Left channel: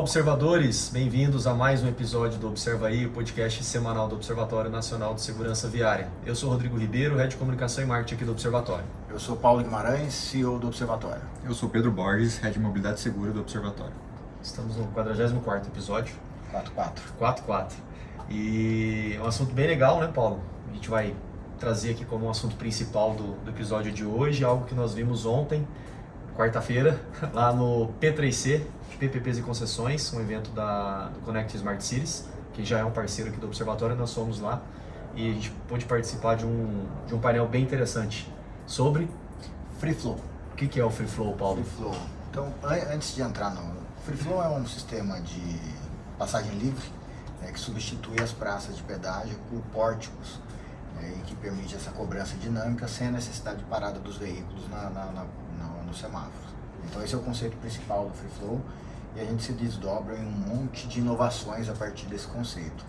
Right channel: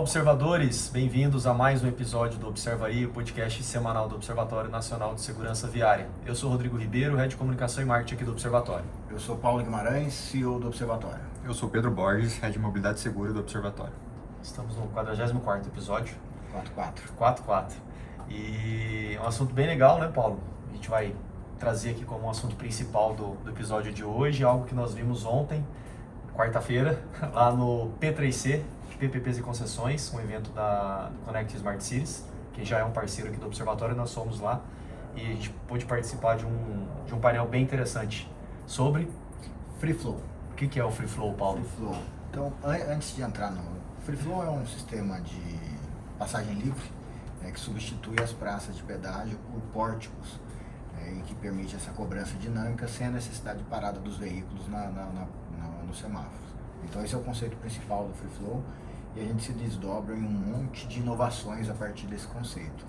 Olá, observadores! Bem-vindos a mais um episódio do Observa Aí, o podcast semanal do Observatório Nacional de Segurança Viária. Eu sou Rodrigo Ribeiro, Head de Comunicação e Marketing aqui do Observatório. Eu sou Paulo Guimarães, CEO do Observatório. Eu sou Pedro Borges, Head de Mobilidade Segura do Observatório. Estamos no 44º episódio. 44. 44. E é um assunto bem legal, né, Paulo? A gente vai trazer aqui como um assunto principal do episódio de hoje, algo que nós vimos ontem, quarta-feira, lá no P3C, PPPs e Concessões, um evento do Connect Smart Cities, que já é um parceiro aqui do Observatório, nós fomos lá e a gente pôde participar de um painel bem interessante sobre Free Flow. o que é o Free Flow, Paulo? Free Flow. Então, antes de entrar no... Free Flow é um sistema de passagem livre, que substitui as praças de pedágio por pórticos, e que permite essa cobrança dinâmica sem a necessidade de parada dos veículos nos semáforos. Então esse é o conceito principal do Free Flow e a gente se desdobra em um monte de inovações a partir desse conceito.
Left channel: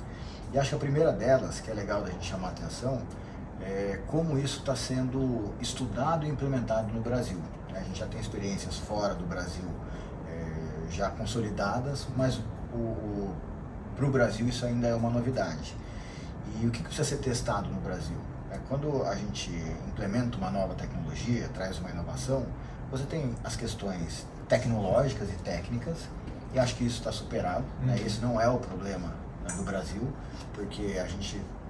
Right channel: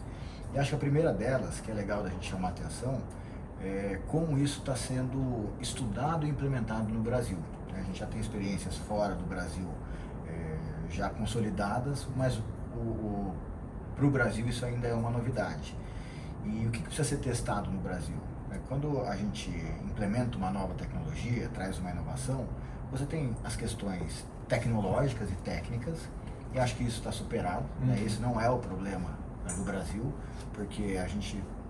E acho que a primeira delas, que é legal da gente chamar a atenção, é como isso está sendo estudado e implementado no Brasil. A gente já tem experiências fora do Brasil já consolidadas, mas para o Brasil isso ainda é uma novidade. E o que precisa ser testado no Brasil? Quando a gente implementa uma nova tecnologia, traz uma inovação, você tem as questões tecnológicas e técnicas, e acho que isso está superado. Esse não é o problema do Brasil, porque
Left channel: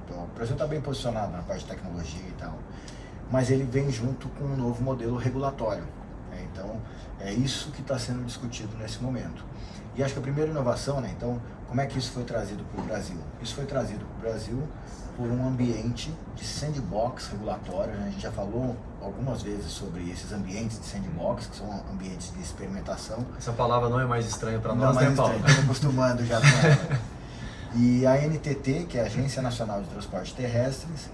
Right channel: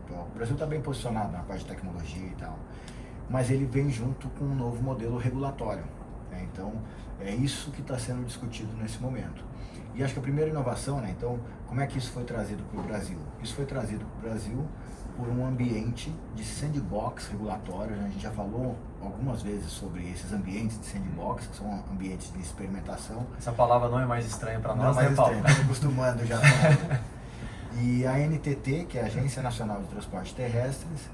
o Brasil está bem posicionado na parte de tecnologia e tal, mas ele vem junto com um novo modelo regulatório. Então, é isso que está sendo discutido nesse momento. E acho que a primeira inovação, então, como é que isso foi trazido para o Brasil? Isso foi trazido para o Brasil por um ambiente de sandbox regulatório. A gente já falou algumas vezes sobre esses ambientes de sandbox, que são ambientes de experimentação. Essa palavra não é mais estranha para Não nós, mais né, Paulo? estranho, estou acostumando já com ela. E a NTT, que é a Agência Nacional de Transportes Terrestres,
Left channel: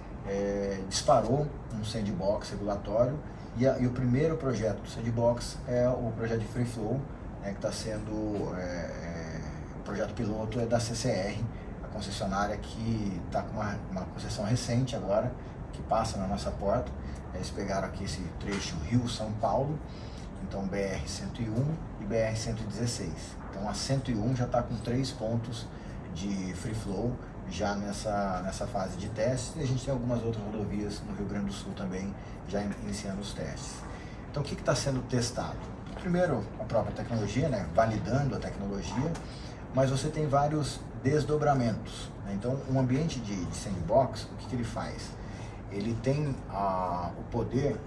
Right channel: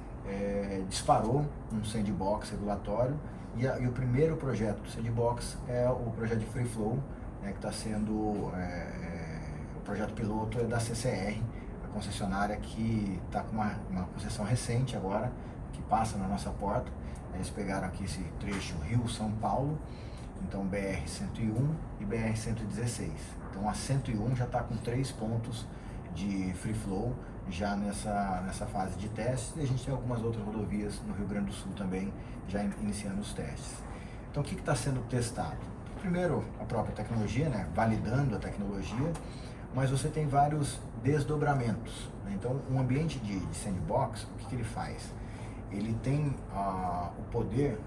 disparou um sandbox regulatório e o primeiro projeto do sandbox é o projeto de Free Flow, que está sendo, o projeto piloto é da CCR, a concessionária que está com uma concessão recente agora, que passa na nossa porta. Eles pegaram aqui esse trecho Rio-São Paulo, então BR-101 e BR-116. Então a 101 já está com 3 pontos de Free Flow já nessa fase de teste, e a gente tem algumas outras rodovias no Rio Grande do Sul também já iniciando os testes. Então o que está sendo testado? Primeiro, a própria tecnologia, validando a tecnologia, mas você tem vários desdobramentos. Então, um ambiente de sandbox, o que ele faz? Ele tem o poder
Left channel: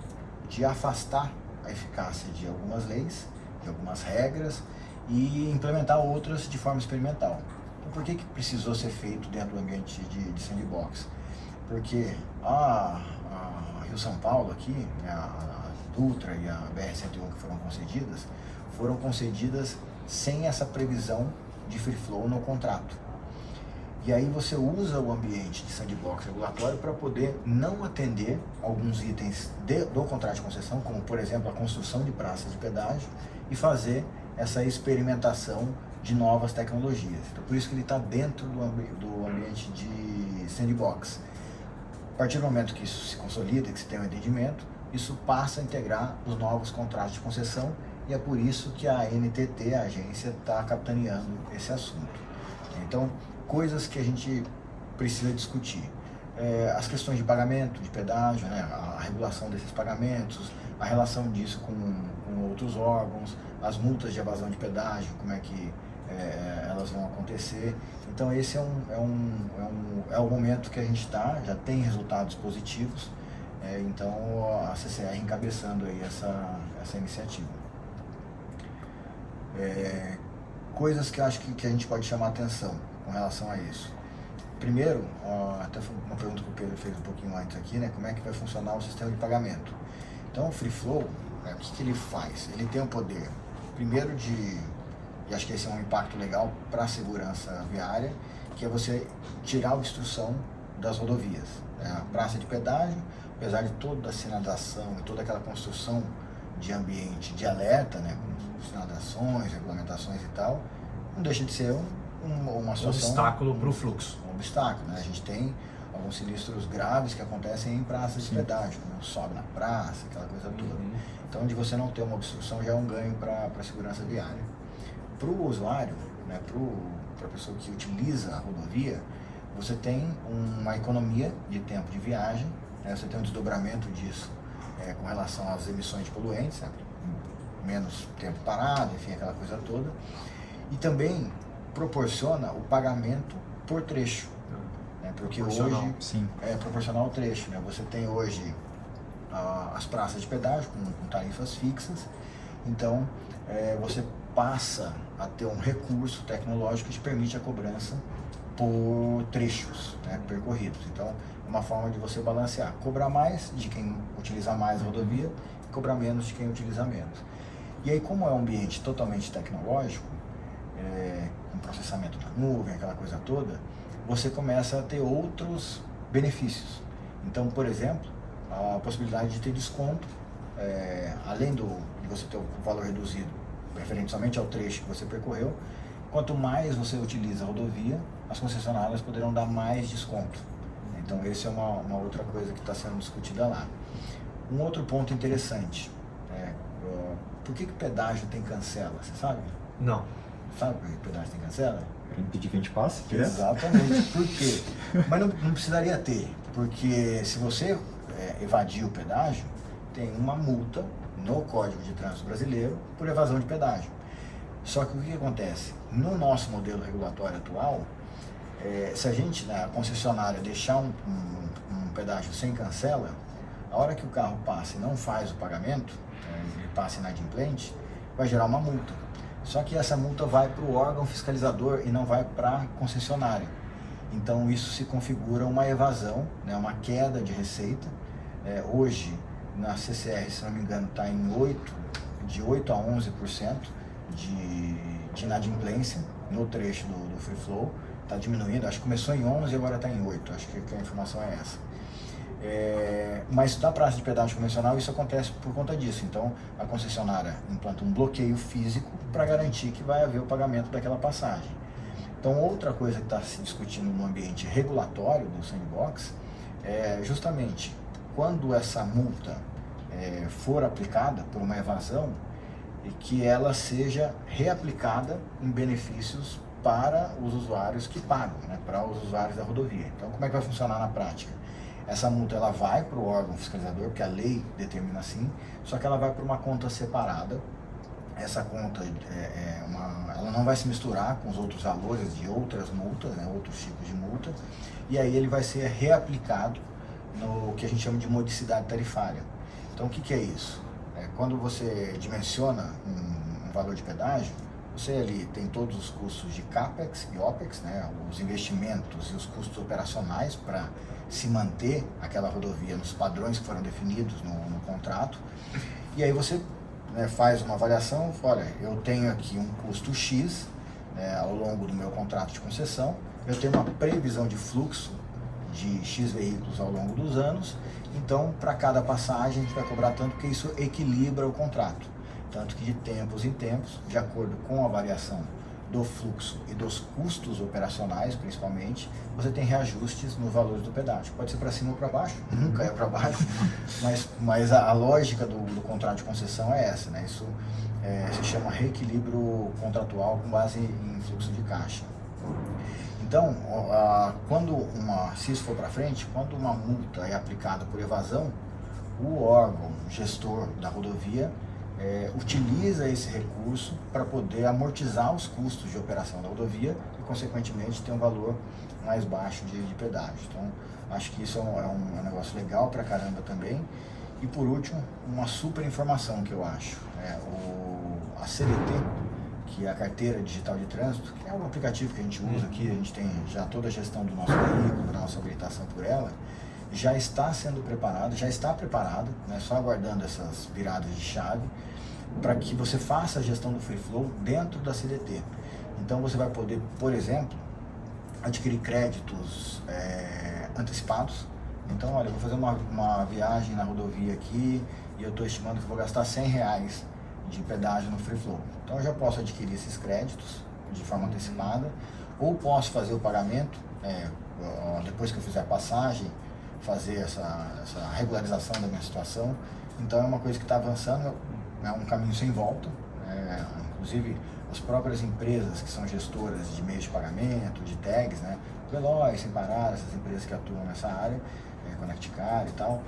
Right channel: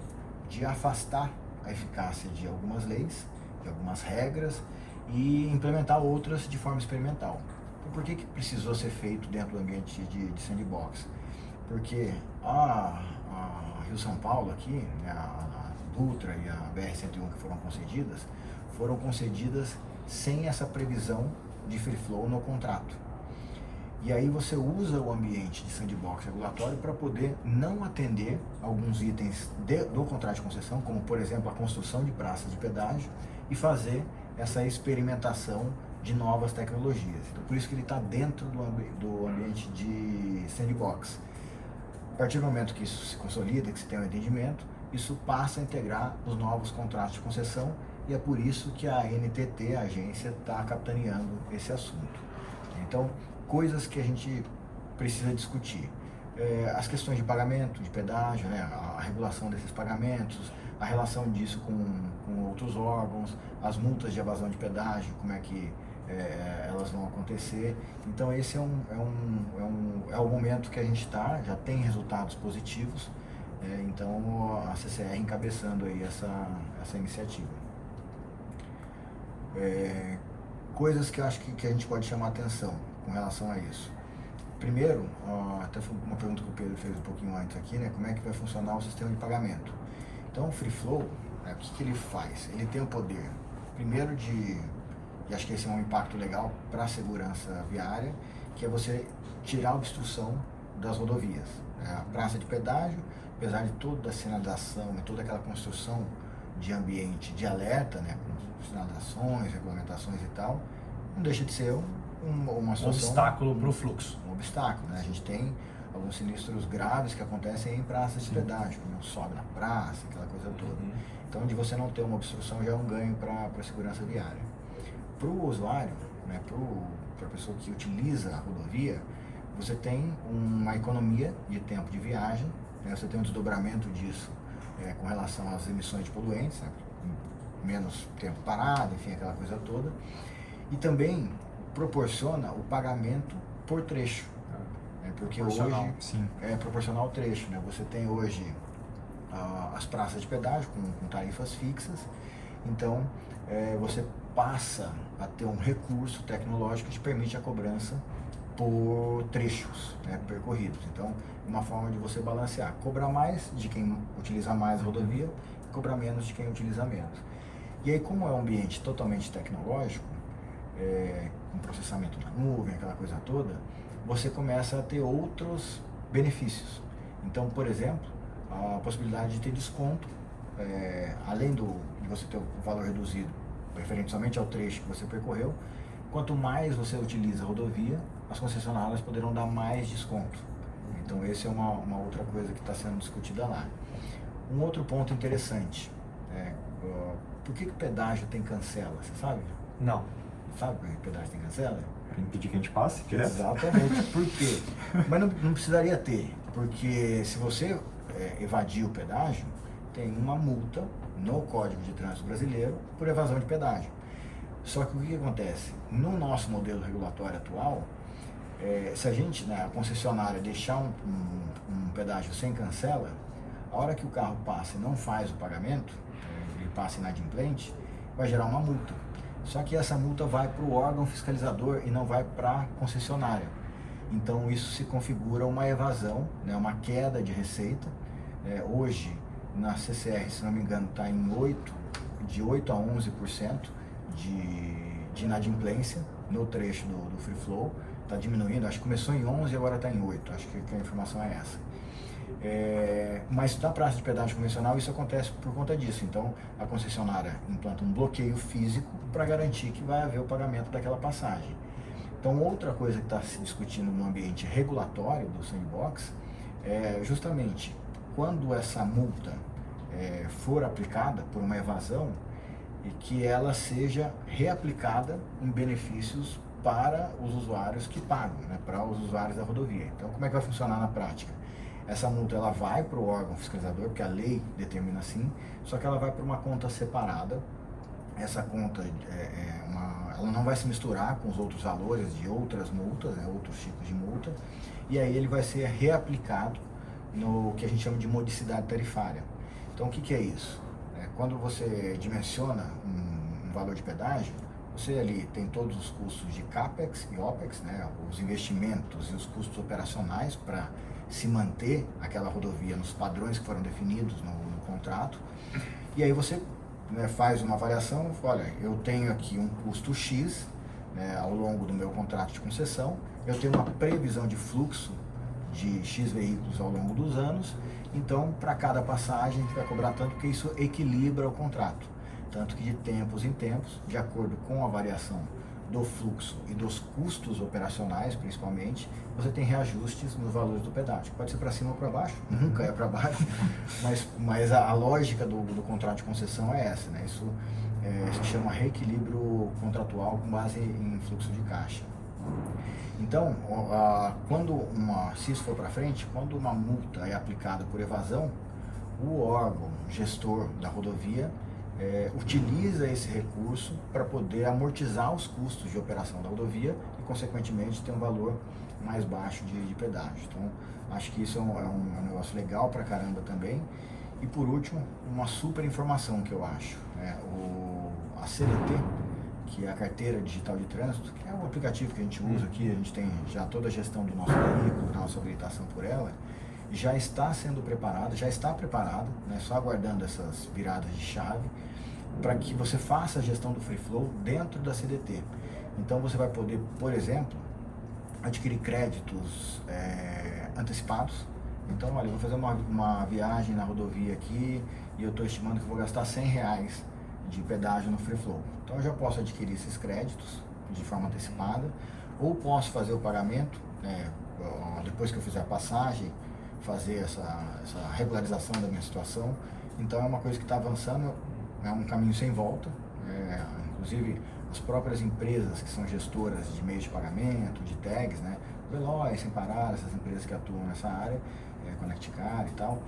de afastar a eficácia de algumas leis, de algumas regras, e implementar outras de forma experimental. Então, por que precisou ser feito dentro do ambiente de sandbox? Porque a Rio-São Paulo aqui, a Dutra e a BR-101 que foram concedidas sem essa previsão de Free Flow no contrato. E aí você usa o ambiente de sandbox regulatório para poder não atender alguns itens do contrato de concessão, como por exemplo a construção de praças de pedágio, e fazer essa experimentação de novas tecnologias. Então por isso que ele está dentro do ambiente de sandbox. A partir do momento que isso se consolida, que se tem um entendimento, isso passa a integrar os novos contratos de concessão, e é por isso que a NTT, a agência, está capitaneando esse assunto. Então, coisas que a gente precisa discutir. As questões de pagamento, de pedágio, a regulação desses pagamentos, a relação disso com outros órgãos, as multas de evasão de pedágio, como é que elas vão acontecer. Então, esse é o momento que a gente já tem resultados positivos. Então a CCR encabeçando aí essa iniciativa. Coisas que eu acho que a gente pode chamar a atenção com relação a isso. Primeiro, até foi uma pergunta que o Pedro fez um pouquinho antes aqui, como é que vai funcionar o sistema de pagamento. Então o Free Flow, o que ele faz? Ele tem o poder, primeiro e acho que esse é um impacto legal para a segurança viária, que é você tirar a obstrução das rodovias. A praça de pedágio, apesar de toda a sinalização e toda aquela construção de ambiente de alerta, com sinalizações, regulamentações e tal, não deixa de ser uma situação... obstáculo para o fluxo. Um obstáculo, A gente tem alguns sinistros graves que acontecem em praças de pedágio, como sobe na praça, aquela coisa toda. Então, de você não ter uma obstrução já é um ganho para a segurança viária. Para o usuário, né, para a pessoa que utiliza a rodovia, você tem uma economia de tempo de viagem, né, você tem um desdobramento disso com relação às emissões de poluentes, sabe? Menos tempo parado, enfim, aquela coisa toda. E também proporciona o pagamento por trecho, né, porque hoje sim, é proporcional ao trecho. Né? Você tem hoje as praças de pedágio com tarifas fixas, então você passa a ter um recurso tecnológico que te permite a cobrança por trechos, né, percorridos. Então, é uma forma de você balancear, cobrar mais de quem utiliza mais a rodovia e cobrar menos de quem utiliza menos. E aí, como é um ambiente totalmente tecnológico, com processamento na nuvem, aquela coisa toda, você começa a ter outros benefícios. Então, por exemplo, a possibilidade de ter desconto, além de você ter o valor reduzido, referente somente ao trecho que você percorreu, quanto mais você utiliza a rodovia, as concessionárias poderão dar mais desconto. Então, essa é uma outra coisa que está sendo discutida lá. Um outro ponto interessante, por que o pedágio tem cancela, você sabe? Não. Sabe por que o pedágio tem cancela? para impedir que a gente passe direto. Exatamente. Por quê? Mas não precisaria ter, porque se você evadir o pedágio, tem uma multa no Código de Trânsito Brasileiro por evasão de pedágio. Só que o que acontece? No nosso modelo regulatório atual, se a gente, na concessionária, deixar um pedágio sem cancela, a hora que o carro passa e não faz o pagamento, ele passa inadimplente, vai gerar uma multa. Só que essa multa vai para o órgão fiscalizador e não vai para a concessionária. Então isso se configura uma evasão, né, uma queda de receita. Hoje, na CCR, se não me engano, está de 8% a 11% de inadimplência no trecho do Free Flow. Está diminuindo, acho que começou em 11% e agora está em 8%, acho que a informação é essa. Mas na praça de pedágio convencional isso acontece por conta disso. Então a concessionária implanta um bloqueio físico para garantir que vai haver o pagamento daquela passagem. Então outra coisa que está se discutindo no ambiente regulatório do sandbox é justamente quando essa multa for aplicada por uma evasão, e que ela seja reaplicada em benefícios para os usuários que pagam, né, para os usuários da rodovia. Então como é que vai funcionar na prática? Essa multa ela vai para o órgão fiscalizador, porque a lei determina assim, só que ela vai para uma conta separada. Essa conta ela não vai se misturar com os outros valores de outras multas, né, outros tipos de multa, e aí ele vai ser reaplicado no que a gente chama de modicidade tarifária. Então o que é isso? Quando você dimensiona um valor de pedágio, você ali tem todos os custos de CAPEX e OPEX, né, os investimentos e os custos operacionais para se manter aquela rodovia nos padrões que foram definidos no contrato. E aí você faz uma avaliação, olha, eu tenho aqui um custo X, né, ao longo do meu contrato de concessão, eu tenho uma previsão de fluxo de X veículos ao longo dos anos, então para cada passagem a gente vai cobrar tanto, porque isso equilibra o contrato. Tanto que de tempos em tempos, de acordo com a variação do fluxo e dos custos operacionais, principalmente, você tem reajustes nos valores do pedágio. Pode ser para cima ou para baixo, nunca é para baixo, mas a lógica do contrato de concessão é essa, né? Isso se chama reequilíbrio contratual com base em fluxo de caixa. Então, se isso for para frente, quando uma multa é aplicada por evasão, o órgão gestor da rodovia utiliza esse recurso para poder amortizar os custos de operação da rodovia e, consequentemente, ter um valor mais baixo de pedágio. Então, acho que isso é um negócio legal pra caramba também. E, por último, uma super informação que eu acho, a CDT, que é a Carteira Digital de Trânsito, que é um aplicativo que a gente usa aqui, a gente tem já toda a gestão do nosso veículo, da nossa habilitação por ela, já está sendo preparada, né, só aguardando essas viradas de chave, para que você faça a gestão do Free Flow dentro da CDT. Então você vai poder, por exemplo, adquirir créditos antecipados. Então, olha, eu vou fazer uma viagem na rodovia aqui e eu estou estimando que eu vou gastar R$100 de pedágio no Free Flow. Então eu já posso adquirir esses créditos de forma antecipada, ou posso fazer o pagamento, depois que eu fizer a passagem, fazer essa regularização da minha situação. Então é uma coisa que está avançando, é um caminho sem volta. Inclusive as próprias empresas que são gestoras de meios de pagamento, de tags, né? Veloz, Sem Parar, essas empresas que atuam nessa área, ConnectCar e tal,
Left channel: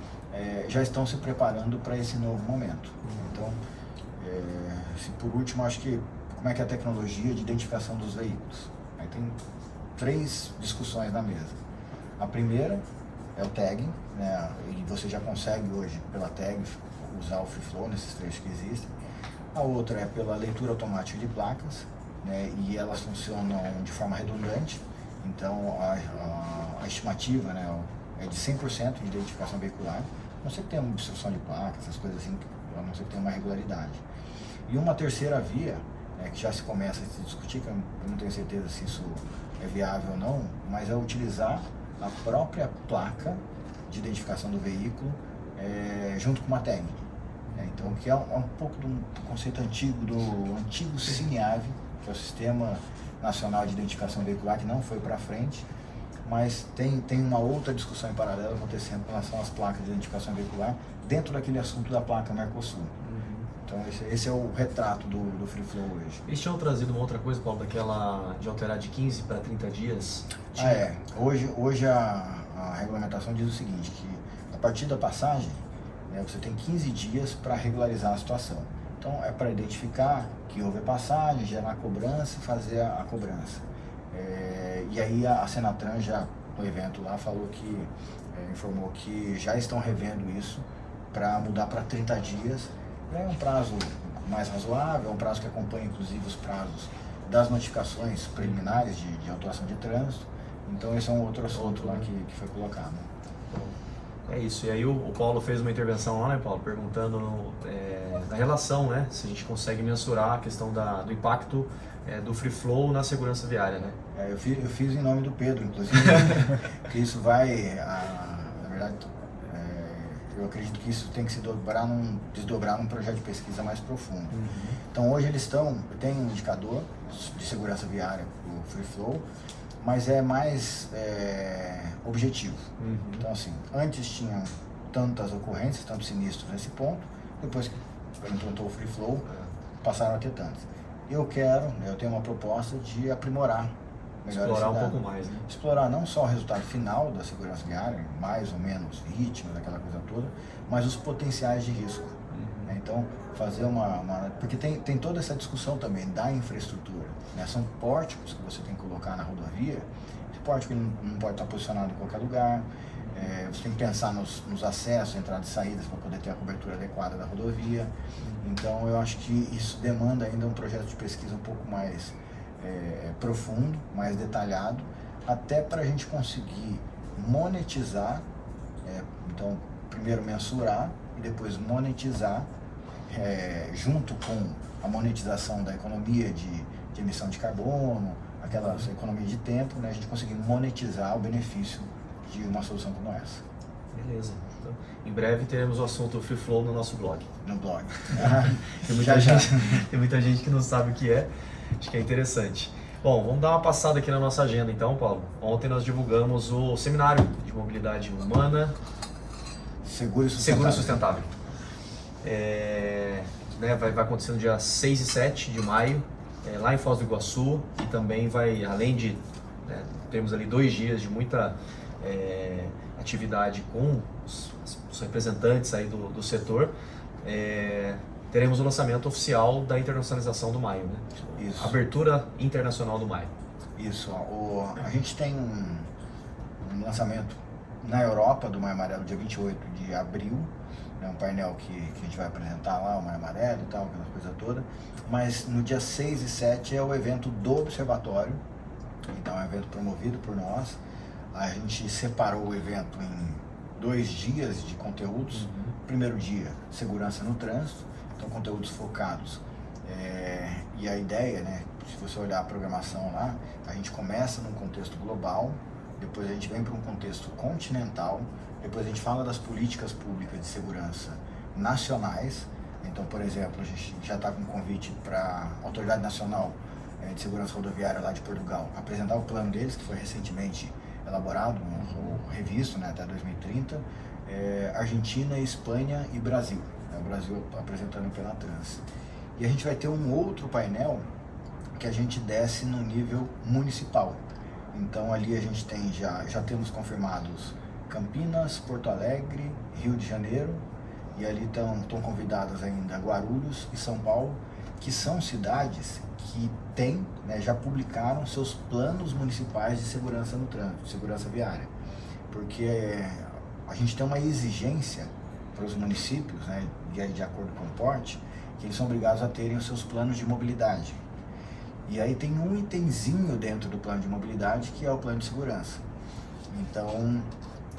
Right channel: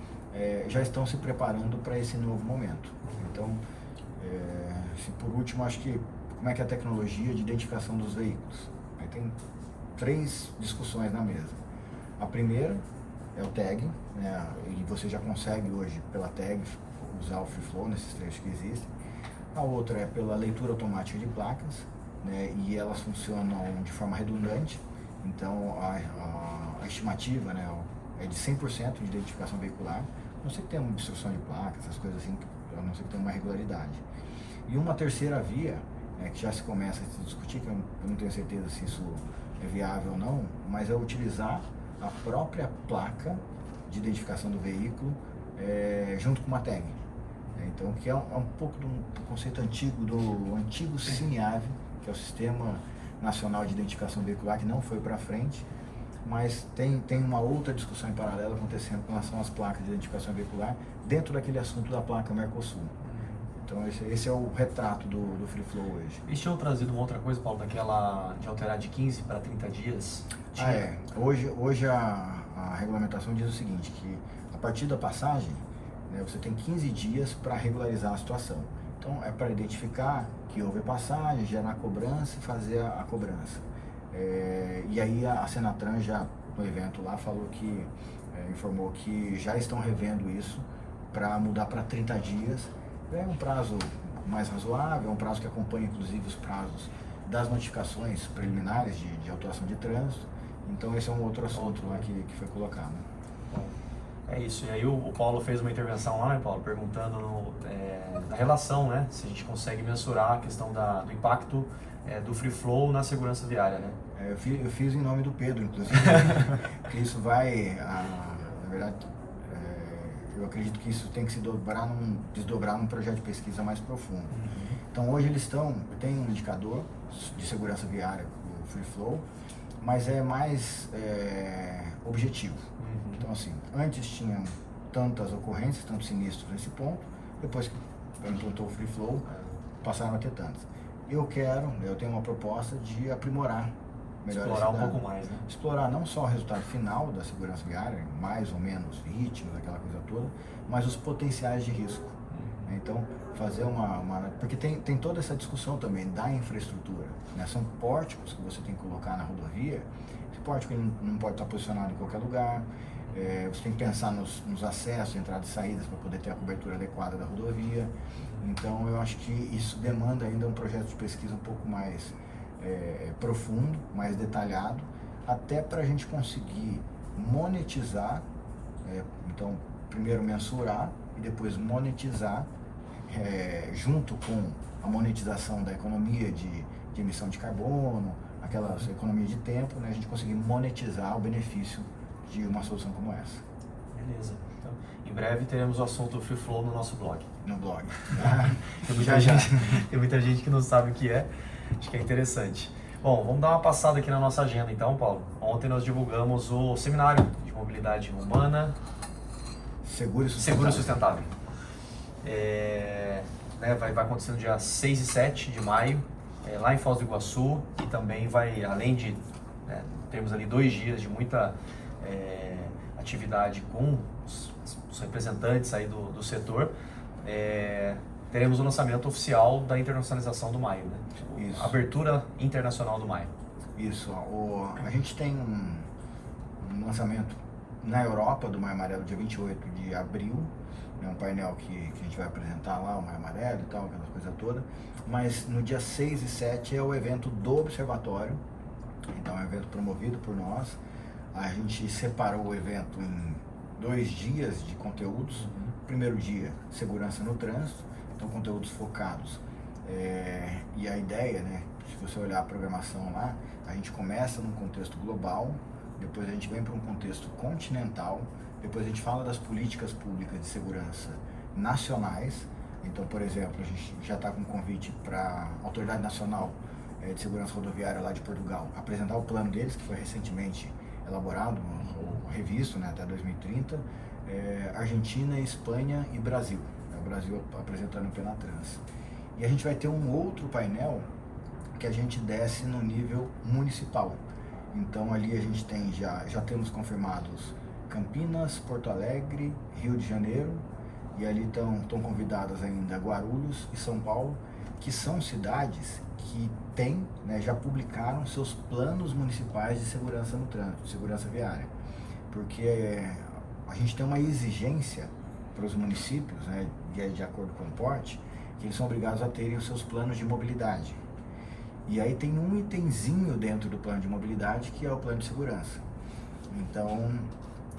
já estão se preparando para esse novo momento. Então, por último, acho que como é que é a tecnologia de identificação dos veículos. Aí tem 3 discussões na mesa. A primeira é o tag, né? E você já consegue hoje pela tag usar o Free Flow nesses trechos que existem. A outra é pela leitura automática de placas, né? E elas funcionam de forma redundante. Então a estimativa, né, é de 100% de identificação veicular, a não ser que tenha uma obstrução de placas, essas coisas assim, a não ser que tenha uma irregularidade. E uma terceira via, que já se começa a se discutir, que eu não tenho certeza se isso é viável ou não, mas é utilizar a própria placa de identificação do veículo junto com uma tag. Então, que é um pouco do conceito antigo, do antigo CINIAVE, que é o Sistema Nacional de Identificação Veicular, que não foi para frente, mas tem uma outra discussão em paralelo acontecendo com relação às placas de identificação veicular dentro daquele assunto da placa Mercosul. Então esse é o retrato do Free Flow hoje. Eles tinham trazido uma outra coisa, Paulo, daquela de alterar de 15 para 30 dias? Hoje a regulamentação diz o seguinte, que a partir da passagem, você tem 15 dias para regularizar a situação. Então é para identificar que houve a passagem, gerar a cobrança e fazer a cobrança. E aí a Senatran já no evento lá falou que, informou que já estão revendo isso para mudar para 30 dias. É um prazo mais razoável, é um prazo que acompanha inclusive os prazos das notificações preliminares de autuação de trânsito. Então esse é um outro assunto lá que foi colocado. É isso, e aí o Paulo fez uma intervenção lá, né, Paulo, perguntando da relação, né, se a gente consegue mensurar a questão do impacto do Free Flow na segurança viária, né? Eu fiz em nome do Pedro, inclusive, porque isso vai, na verdade, eu acredito que isso tem que se desdobrar num projeto de pesquisa mais profundo. Então hoje eu tenho um indicador de segurança viária do Free Flow, mas é mais objetivo. Então assim, antes tinham tantas ocorrências, tantos sinistros nesse ponto, depois que implantou o Free Flow, passaram a ter tantas. Eu tenho uma proposta de aprimorar melhor explorar um pouco mais, né? Explorar não só o resultado final da segurança viária, mais ou menos vítimas, aquela coisa toda, mas os potenciais de risco. Então, fazer porque tem toda essa discussão também da infraestrutura, né? São pórticos que você tem que colocar na rodovia. Esse pórtico não pode estar posicionado em qualquer lugar. Você tem que pensar nos acessos, entradas e saídas para poder ter a cobertura adequada da rodovia. Então, eu acho que isso demanda ainda um projeto de pesquisa um pouco mais profundo, mais detalhado, até para a gente conseguir monetizar, então primeiro mensurar e depois monetizar, junto com a monetização da economia de emissão de carbono, aquela economia de tempo, né, a gente conseguir monetizar o benefício de uma solução como essa. Beleza. Então, em breve teremos o assunto Free Flow no nosso blog. No blog. Tem muita gente que não sabe o que é. Acho que é interessante. Bom, vamos dar uma passada aqui na nossa agenda então, Paulo. Ontem nós divulgamos o seminário de mobilidade humana Seguro e sustentável. Vai acontecer no dia 6 e 7 de maio, lá em Foz do Iguaçu, e também vai, além de termos ali 2 dias de muita atividade com os representantes aí do setor, teremos o lançamento oficial da internacionalização do Maio, né? Isso. Abertura internacional do Maio. Isso. A gente tem um lançamento na Europa do Maio Amarelo, dia 28 de abril, né? Um painel que a gente vai apresentar lá, o Maio Amarelo e tal, aquela coisa toda. Mas no dia 6 e 7 é o evento do Observatório, então é um evento promovido por nós. A gente separou o evento em 2 dias de conteúdos. Primeiro dia, segurança no trânsito, então conteúdos focados. E a ideia, né, se você olhar a programação lá, a gente começa num contexto global, depois a gente vem para um contexto continental, depois a gente fala das políticas públicas de segurança nacionais. Então, por exemplo, a gente já está com um convite para a Autoridade Nacional de Segurança Rodoviária lá de Portugal apresentar o plano deles, que foi recentemente elaborado, ou revisto, né, até 2030, Argentina, Espanha e Brasil. O Brasil apresentando o Penatrans. E a gente vai ter um outro painel que a gente desce no nível municipal. Então ali a gente tem já temos confirmados Campinas, Porto Alegre, Rio de Janeiro, e ali estão convidadas ainda Guarulhos e São Paulo, que são cidades que têm, né, já publicaram seus planos municipais de segurança no trânsito, segurança viária. Porque a gente tem uma exigência para os municípios, né, de acordo com o porte, que eles são obrigados a terem os seus planos de mobilidade. E aí tem um itemzinho dentro do plano de mobilidade que é o plano de segurança. Então,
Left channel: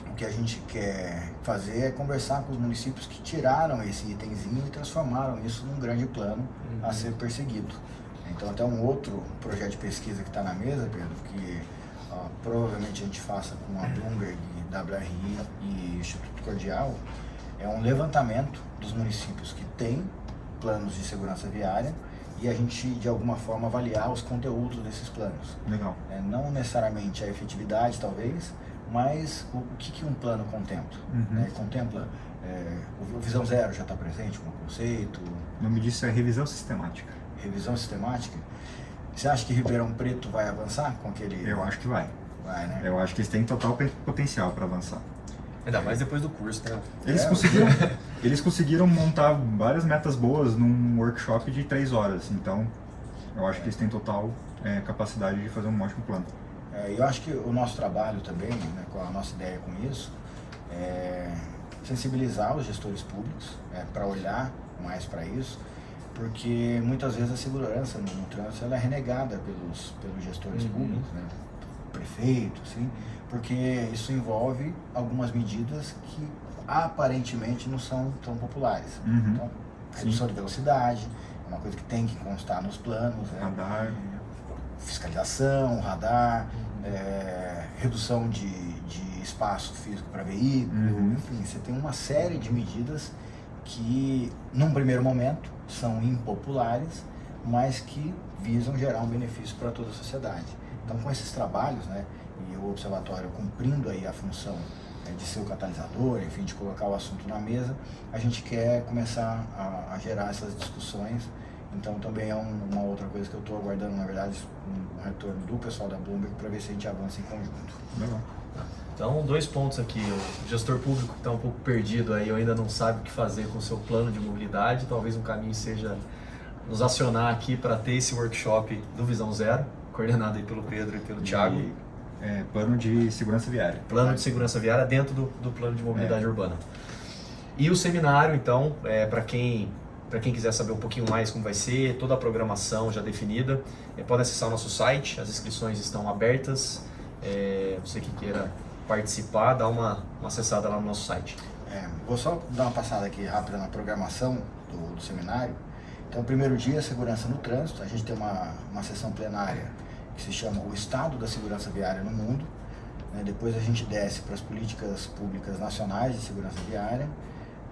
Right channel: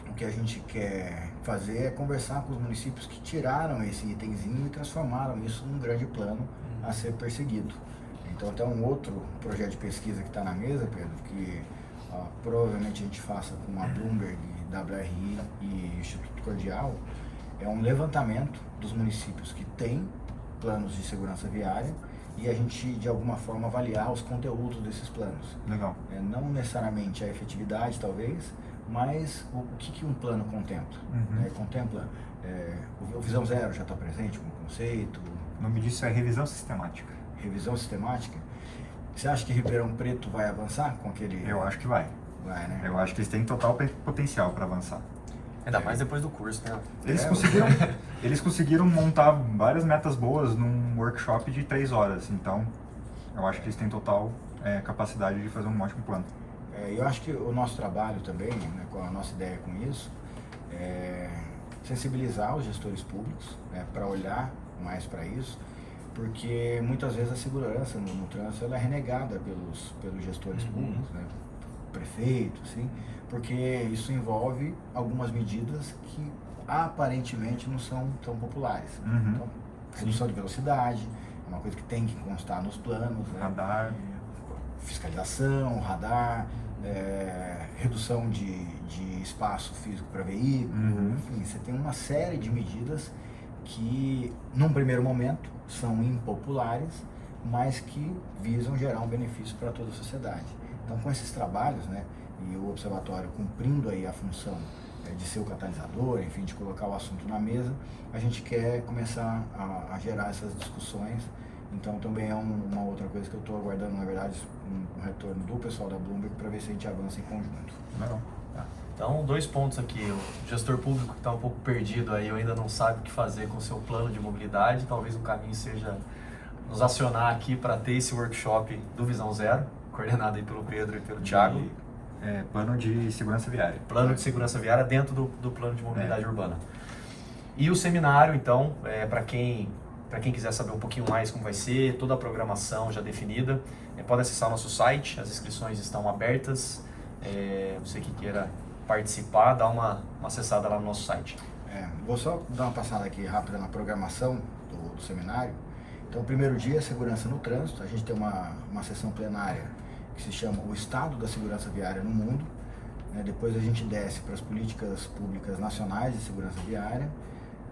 o que a gente quer fazer é conversar com os municípios que tiraram esse itemzinho e transformaram isso num grande plano a ser perseguido. Então, até um outro projeto de pesquisa que está na mesa, Pedro, que provavelmente a gente faça com a Bloomberg, WRI e Instituto Cordial, é um levantamento dos municípios que têm planos de segurança viária e a gente, de alguma forma, avaliar os conteúdos desses planos. Legal. Não necessariamente a efetividade, talvez, mas o que um plano contempla. Contempla, o Visão Zero já está presente como conceito. O nome disso é revisão sistemática. Revisão sistemática. Você acha que Ribeirão Preto vai avançar com aquele... Eu acho que vai. Vai, né? Eu acho que eles têm total potencial para avançar. Ainda mais depois do curso, né? Eles conseguiram montar várias metas boas num workshop de 3 horas. Então, eu acho que eles têm total capacidade de fazer um ótimo plano. Eu acho que o nosso trabalho também, né, com a nossa ideia com isso, é sensibilizar os gestores públicos para olhar mais para isso, porque muitas vezes a segurança no trânsito ela é renegada pelos gestores públicos, né, prefeito, assim, porque isso envolve algumas medidas que aparentemente não são tão populares. Então, redução de velocidade é uma coisa que tem que constar nos planos, né? Radar. Fiscalização, radar, redução de espaço físico para veículo, enfim, você tem uma série de medidas que, num primeiro momento, são impopulares, mas que visam gerar um benefício para toda a sociedade. Então, com esses trabalhos, né, e o Observatório cumprindo aí a função de ser o catalisador, enfim, de colocar o assunto na mesa, a gente quer começar a gerar essas discussões. Então também é uma outra coisa que eu estou aguardando, na verdade, um retorno do pessoal da Bloomberg para ver se a gente avança em conjunto. Então, 2 pontos aqui. O gestor público que está um pouco perdido aí, ou ainda não sabe o que fazer com o seu plano de mobilidade, talvez um caminho seja nos acionar aqui para ter esse workshop do Visão Zero, coordenado aí pelo Pedro e pelo Thiago. Plano de segurança viária. Plano de segurança viária dentro do plano de mobilidade urbana. E o seminário, então, para quem quiser saber um pouquinho mais como vai ser, toda a programação já definida, pode acessar o nosso site, as inscrições estão abertas. Você que queira participar, dá uma acessada lá no nosso site. Vou só dar uma passada aqui rápida na programação do seminário. Então, o primeiro dia é segurança no trânsito. A gente tem uma sessão plenária que se chama O Estado da Segurança Viária no Mundo. Depois a gente desce para as políticas públicas nacionais de segurança viária.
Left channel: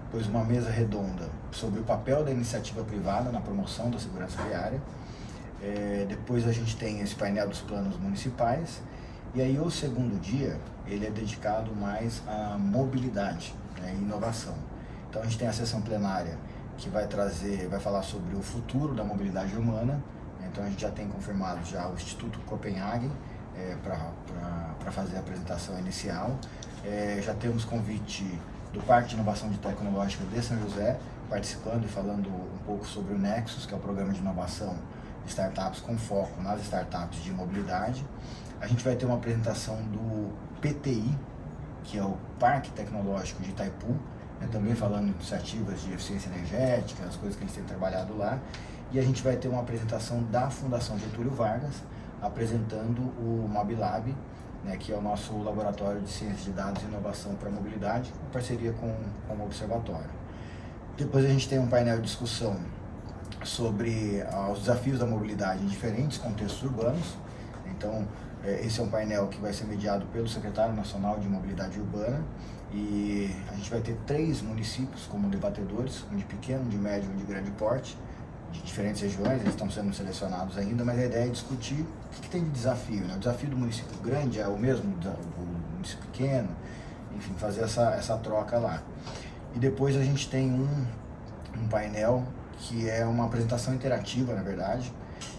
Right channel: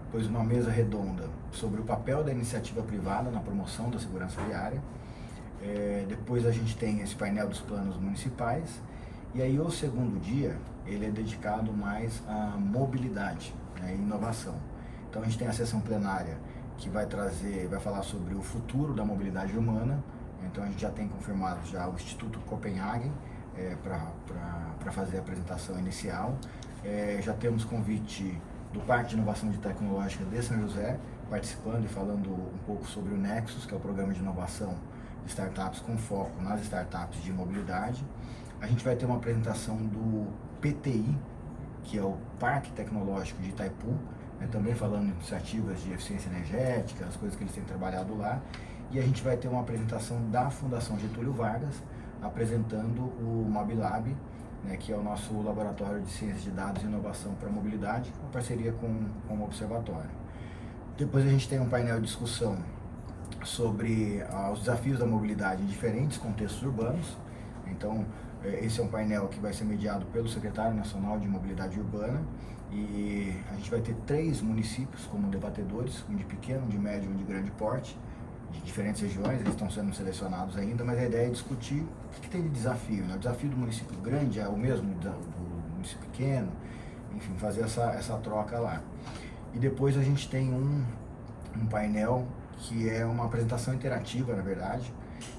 Depois uma mesa redonda sobre o papel da iniciativa privada na promoção da segurança viária. Depois a gente tem esse painel dos planos municipais. E aí o segundo dia, ele é dedicado mais à mobilidade, né, e inovação. Então a gente tem a sessão plenária que vai falar sobre o futuro da mobilidade humana. Então a gente já tem confirmado já o Instituto Copenhagen para fazer a apresentação inicial. Já temos convite do Parque de Inovação Tecnológica de São José, participando e falando um pouco sobre o Nexus, que é o programa de inovação de startups com foco nas startups de mobilidade. A gente vai ter uma apresentação do PTI, que é o Parque Tecnológico de Itaipu, também falando de iniciativas de eficiência energética, as coisas que eles têm trabalhado lá. E a gente vai ter uma apresentação da Fundação Getúlio Vargas, apresentando o MobiLab, né, que é o nosso laboratório de ciência de dados e inovação para mobilidade, em parceria com o Observatório. Depois a gente tem um painel de discussão sobre os desafios da mobilidade em diferentes contextos urbanos. Então, esse é um painel que vai ser mediado pelo Secretário Nacional de Mobilidade Urbana, e a gente vai ter 3 municípios como debatedores, um de pequeno, um de médio e um de grande porte, de diferentes regiões. Eles estão sendo selecionados ainda, mas a ideia é discutir o que tem de desafio, né? O desafio do município grande é o mesmo do município pequeno, enfim, fazer essa troca lá. E depois a gente tem um painel que é uma apresentação interativa, na verdade,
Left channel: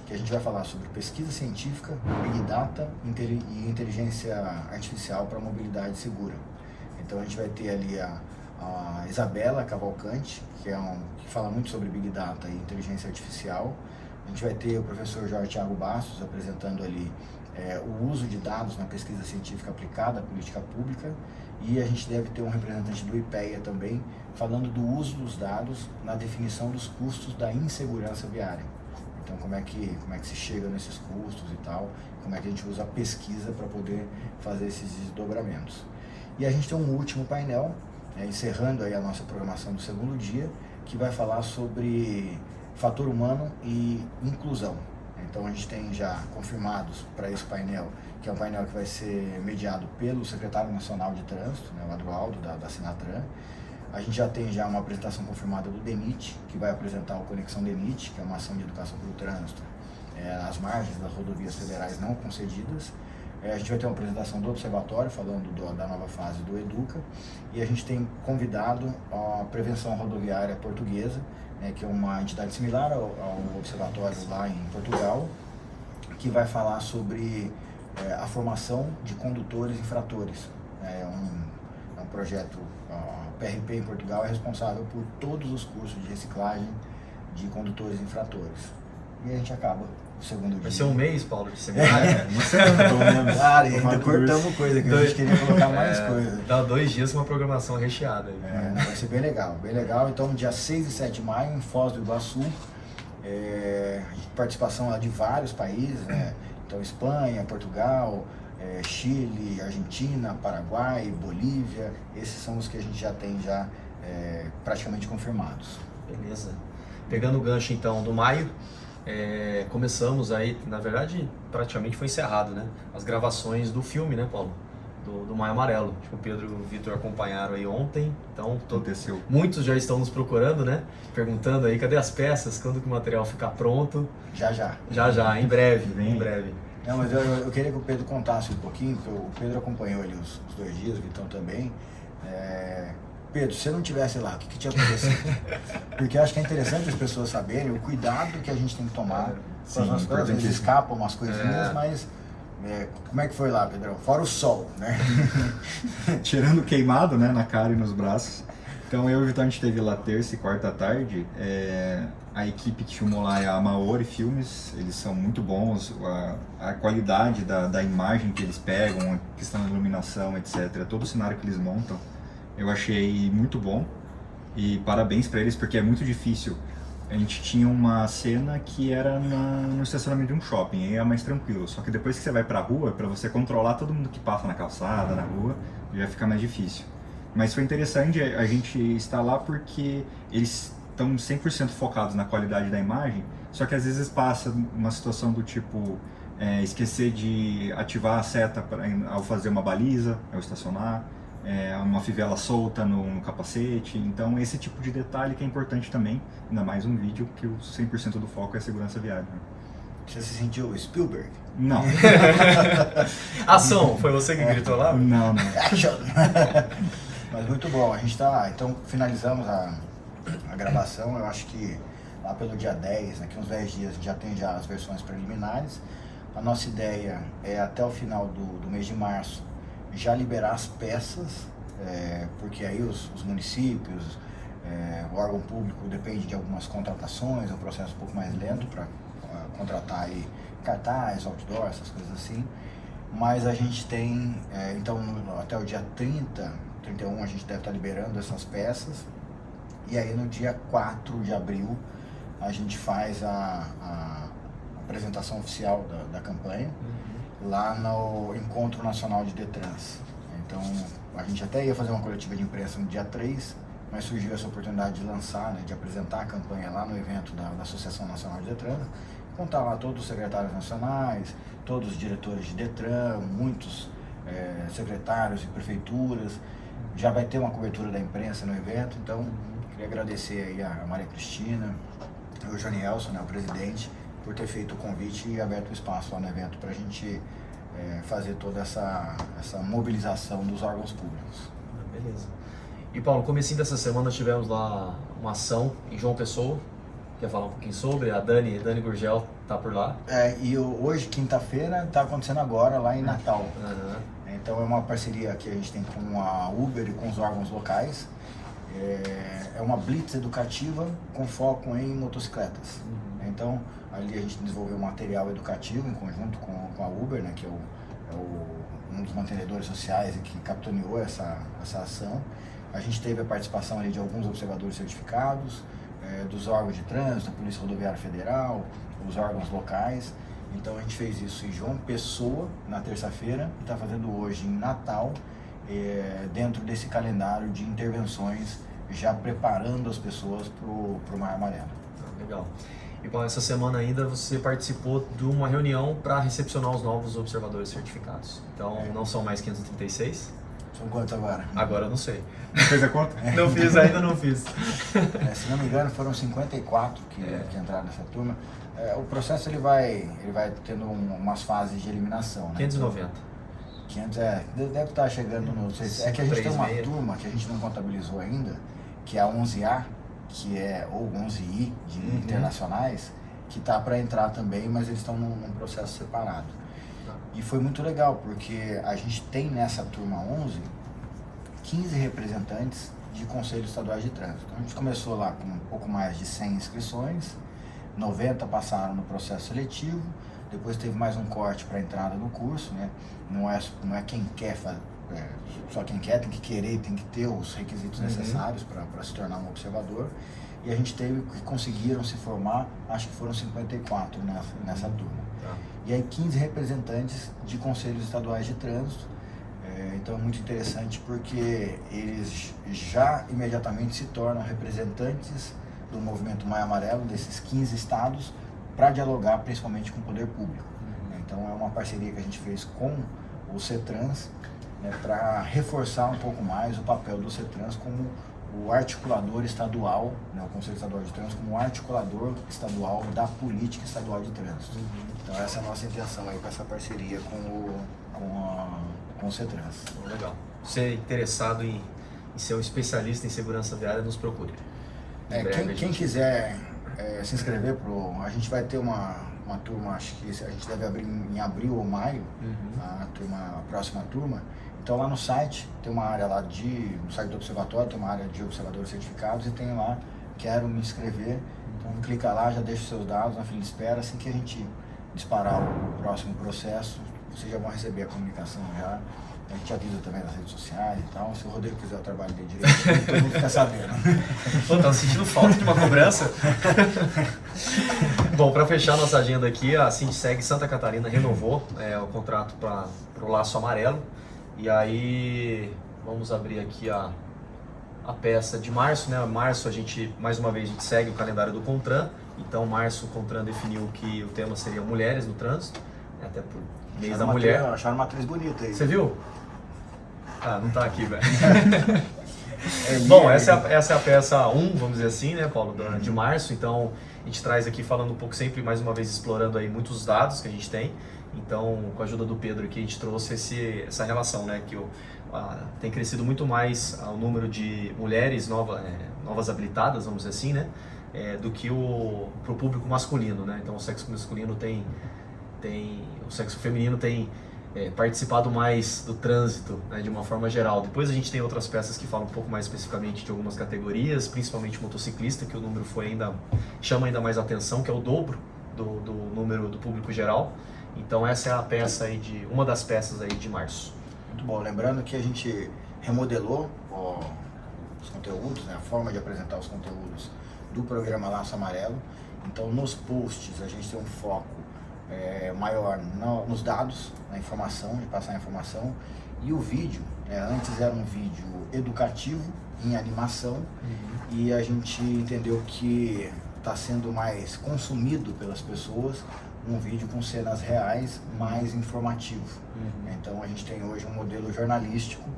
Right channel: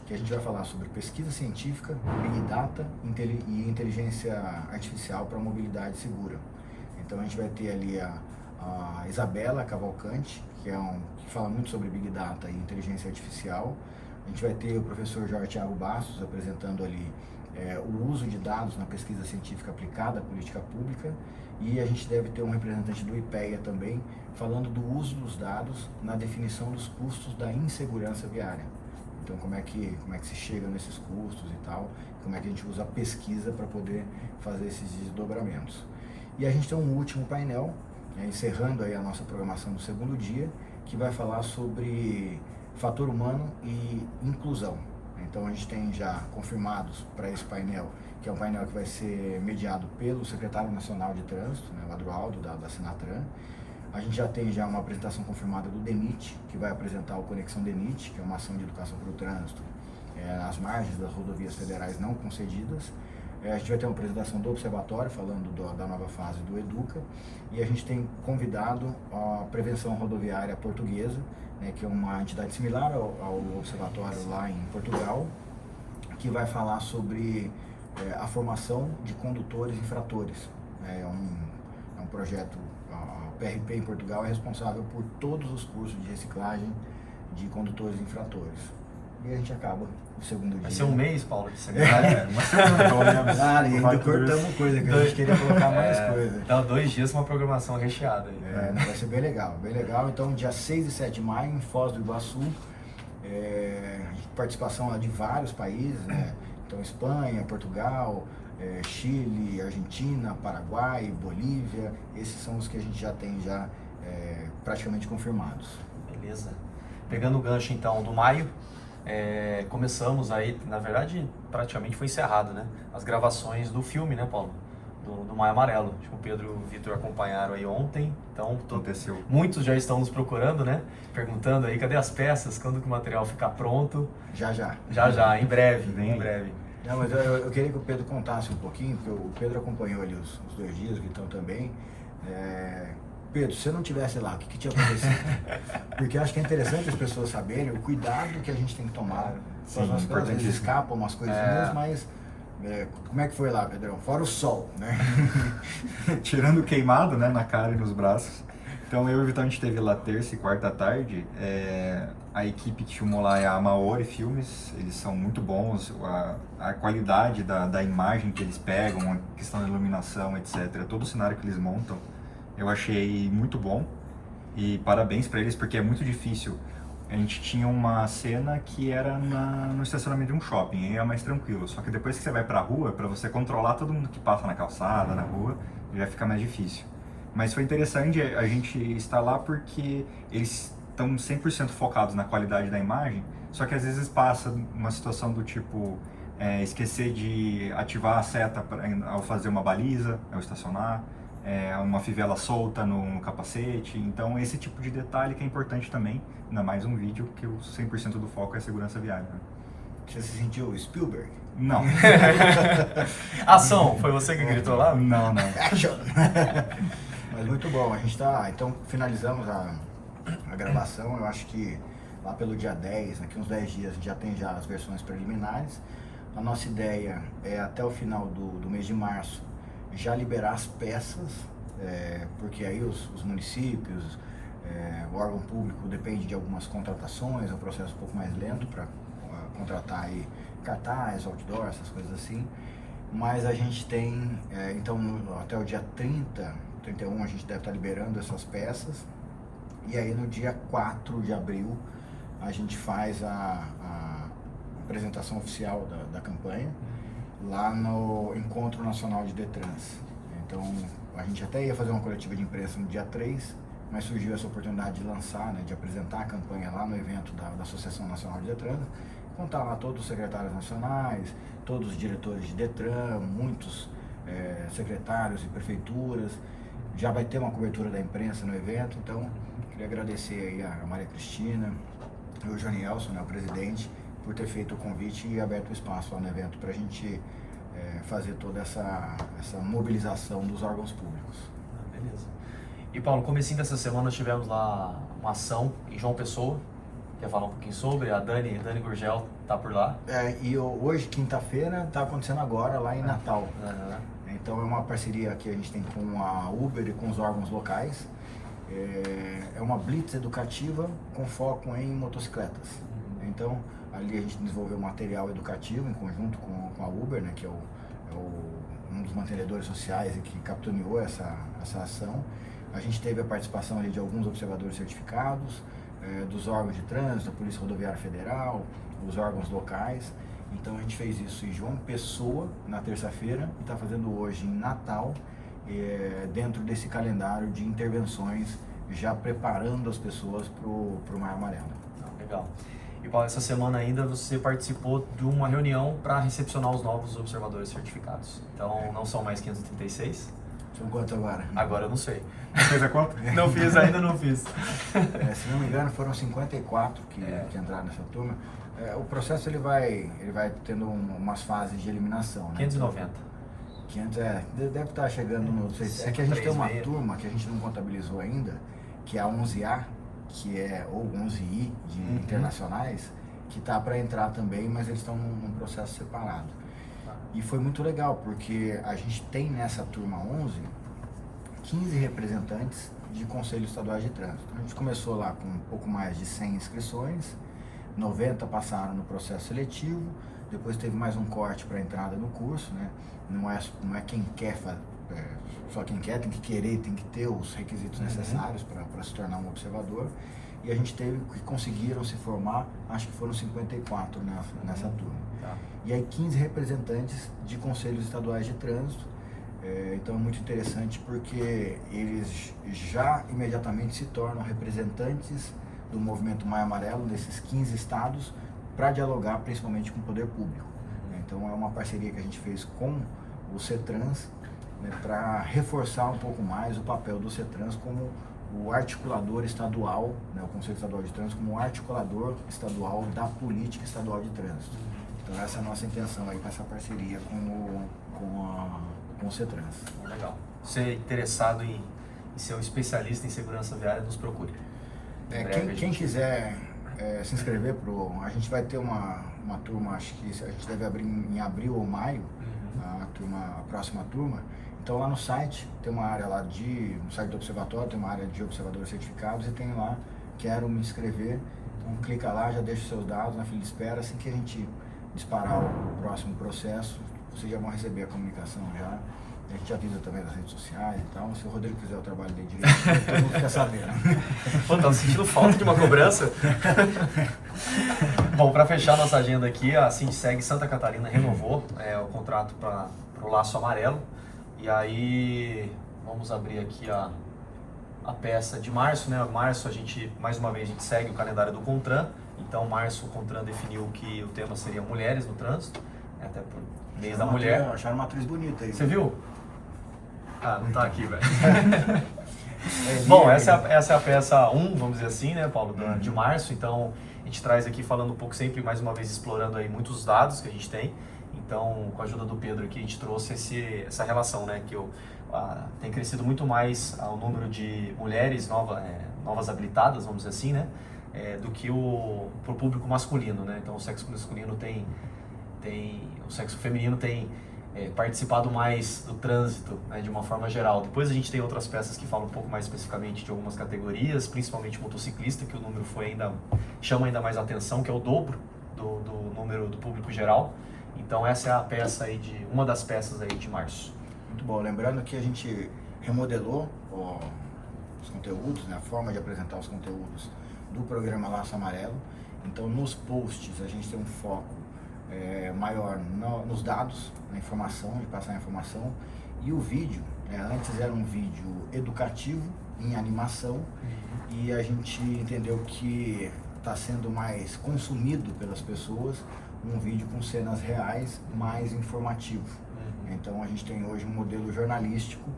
que a gente vai falar sobre pesquisa científica, Big Data e inteligência artificial para mobilidade segura. Então a gente vai ter ali a Isabela Cavalcante, que fala muito sobre Big Data e inteligência artificial. A gente vai ter o professor Jorge Thiago Bastos apresentando ali o uso de dados na pesquisa científica aplicada à política pública, e a gente deve ter um representante do IPEA também, falando do uso dos dados na definição dos custos da insegurança viária. Então como é que se chega nesses custos e tal, como é que a gente usa a pesquisa para poder fazer esses desdobramentos. E a gente tem um último painel, encerrando aí a nossa programação do segundo dia, que vai falar sobre fator humano e inclusão. Então a gente tem já confirmados para esse painel, que é um painel que vai ser mediado pelo secretário nacional de trânsito, o Adroaldo, da Sinatran. A gente já tem uma apresentação confirmada do DENIT, que vai apresentar o Conexão DENIT, que é uma ação de educação para o trânsito nas margens das rodovias federais não concedidas. A gente vai ter uma apresentação do Observatório, falando da nova fase do EDUCA, e a gente tem convidado a Prevenção Rodoviária Portuguesa, que é uma entidade similar ao Observatório lá em Portugal, que vai falar sobre a formação de condutores infratores. É um projeto, a PRP em Portugal é responsável por todos os cursos de reciclagem de condutores infratores. E a gente acaba o segundo dia. Vai ser um mês, Paulo, de seminário? Uma semana, pelo menos. Claro, e ainda cortamos coisa, que a gente queria colocar mais coisa. Dá 2 dias com uma programação recheada. Vai ser bem legal, bem legal. Então, dia 6 e 7 de maio, em Foz do Iguaçu, participação lá de vários países, né? Então, Espanha, Portugal, Chile, Argentina, Paraguai, Bolívia. Esses são os que a gente já tem praticamente confirmados. Beleza. Pegando o gancho, então, do maio, começamos aí, na verdade, praticamente foi encerrado, né? As gravações do filme, né, Paulo? Do Maio Amarelo. Acho que o Pedro e o Vitor acompanharam aí ontem, então Aconteceu. Muitos já estão nos procurando, né? Perguntando aí, cadê as peças? Quando que o material ficar pronto? Já, em breve, em breve. Não, mas eu queria que o Pedro contasse um pouquinho, porque o Pedro acompanhou ali os 2 dias, o Vitão também. Pedro, se você não estivesse lá, o que tinha acontecido? Porque acho que é interessante as pessoas saberem o cuidado que a gente tem que tomar. Sim, As coisas, às vezes escapam umas coisinhas, mas como é que foi lá, Pedrão? Fora o sol, né? Tirando o queimado, né, na cara e nos braços. Então eu e o Vitão, a gente esteve lá terça e quarta à tarde. A equipe que filmou lá é a Maori Filmes, eles são muito bons, a qualidade da imagem que eles pegam, a questão da iluminação, etc. Todo o cenário que eles montam, eu achei muito bom, e parabéns para eles, porque é muito difícil. A gente tinha uma cena que era no estacionamento de um shopping, aí é mais tranquilo, só que depois que você vai pra rua, para você controlar todo mundo que passa na calçada, na rua, já fica mais difícil. Mas foi interessante a gente estar lá porque eles estão 100% focados na qualidade da imagem, só que às vezes passa uma situação do tipo esquecer de ativar a seta ao fazer uma baliza, ao estacionar, uma fivela solta no capacete. Então esse tipo de detalhe que é importante também, ainda mais um vídeo que o 100% do foco é a segurança viária. Você se sentiu Spielberg? Não. Ação, foi você que gritou lá? Não. Action! Mas muito bom, a gente está lá. Então finalizamos a gravação, eu acho que lá pelo dia 10, daqui uns 10 dias, já tem as versões preliminares. A nossa ideia é até o final do mês de março já liberar as peças, porque aí os municípios, o órgão público depende de algumas contratações, é um processo um pouco mais lento para contratar aí cartaz, outdoor, essas coisas assim. Mas a gente tem, então até o dia 31 a gente deve estar liberando essas peças. E aí no dia 4 de abril a gente faz a apresentação oficial da campanha lá no Encontro Nacional de Detrans. Então a gente até ia fazer uma coletiva de imprensa no dia 3, mas surgiu essa oportunidade de lançar, de apresentar a campanha lá no evento da Associação Nacional de Detran, contar lá todos os secretários nacionais, todos os diretores de Detran, muitos secretários e prefeituras. Já vai ter uma cobertura da imprensa no evento, então queria agradecer aí a Maria Cristina e o Janielson, o presidente, por ter feito o convite e aberto o espaço lá no evento para a gente fazer toda essa mobilização dos órgãos públicos. Beleza. E Paulo, no comecinho dessa semana nós tivemos lá uma ação em João Pessoa. Quer falar um pouquinho sobre? A Dani Gurgel tá por lá. E hoje, quinta-feira, está acontecendo agora lá em Natal. Uhum. Então é uma parceria que a gente tem com a Uber e com os órgãos locais. É uma blitz educativa com foco em motocicletas. Então ali a gente desenvolveu material educativo em conjunto com a Uber, né, que é um dos mantenedores sociais e que capitaneou essa ação. A gente teve a participação ali de alguns observadores certificados, dos órgãos de trânsito, da Polícia Rodoviária Federal, os órgãos locais. Então a gente fez isso em João Pessoa na terça-feira e está fazendo hoje em Natal, dentro desse calendário de intervenções, já preparando as pessoas para o Maio Amarelo. Legal. E Paulo, essa semana ainda você participou de uma reunião para recepcionar os novos observadores certificados. Então não são mais 536? São quantos agora? Agora eu não sei. Fez a conta? Não fiz, ainda não fiz. Se não me engano, foram 54 que entraram nessa turma. O processo ele vai tendo umas fases de eliminação, né? 590. 500 deve estar chegando no... É que a gente tem uma turma que a gente não contabilizou ainda, que é a 11A, ou 11I de internacionais, que está para entrar também, mas eles estão num processo separado. E foi muito legal, porque a gente tem nessa turma 11, 15 representantes de conselhos estaduais de trânsito. Então, a gente começou lá com um pouco mais de 100 inscrições, 90 passaram no processo seletivo, depois teve mais um corte para entrada no curso, né? Não é quem quer fazer, só quem quer, tem que querer, tem que ter os requisitos necessários para se tornar um observador. E a gente teve que conseguiram se formar, acho que foram 54 nessa turma. Tá. E aí 15 representantes de conselhos estaduais de trânsito. Então é muito interessante porque eles já imediatamente se tornam representantes do movimento Maio Amarelo, desses 15 estados, para dialogar principalmente com o poder público. Então é uma parceria que a gente fez com o CETRANS, né, para reforçar um pouco mais o papel do CETRANS como o articulador estadual, né, o Conselho Estadual de Trânsito como o articulador estadual da política estadual de trânsito. Então essa é a nossa intenção aí com essa parceria com o CETRANS. Legal. Se é interessado em ser um especialista em segurança viária, nos procure. Quem quiser se inscrever a gente vai ter uma turma, acho que a gente deve abrir em abril ou maio, a próxima turma. Então lá no site tem uma área lá no site do observatório, tem uma área de observadores certificados e tem lá, quero me inscrever. Então clica lá, já deixa os seus dados na fila de espera, assim que a gente disparar o próximo processo, vocês já vão receber a comunicação já. A gente avisa também nas redes sociais e tal. Se o Rodrigo quiser o trabalho dele direito, todo mundo fica sabendo. Pô, tá sentindo falta de uma cobrança? Bom, para fechar nossa agenda aqui, a Sindiceg Santa Catarina renovou o contrato para o Laço Amarelo. E aí, vamos abrir aqui a peça de março, né? Março, mais uma vez, a gente segue o calendário do CONTRAN. Então, março, o CONTRAN definiu que o tema seria mulheres no trânsito, até por mês da mulher. Acharam uma atriz bonita aí. Você viu? Ah, não tá aqui, velho. Bom, essa é a peça 1, vamos dizer assim, né, Paulo, de março. Então, a gente traz aqui falando um pouco sempre, mais uma vez, explorando aí muitos dados que a gente tem. Então, com a ajuda do Pedro aqui, a gente trouxe essa relação, né, que tem crescido muito mais o número de mulheres novas habilitadas, vamos dizer assim, né, do que pro público masculino, né. Então, o sexo masculino o sexo feminino tem participado mais do trânsito, né, de uma forma geral. Depois a gente tem outras peças que falam um pouco mais especificamente de algumas categorias, principalmente motociclista, que o número chama ainda mais atenção, que é o dobro do número do público geral. Então essa é a peça aí uma das peças aí de março. Muito bom. Lembrando que a gente remodelou os conteúdos, né, a forma de apresentar os conteúdos do programa Laço Amarelo. Então nos posts a gente tem um foco maior nos dados, na informação, de passar a informação. E o vídeo, antes era um vídeo educativo em animação, e a gente entendeu que está sendo mais consumido pelas pessoas um vídeo com cenas reais, mais informativo. Então a gente tem hoje um modelo jornalístico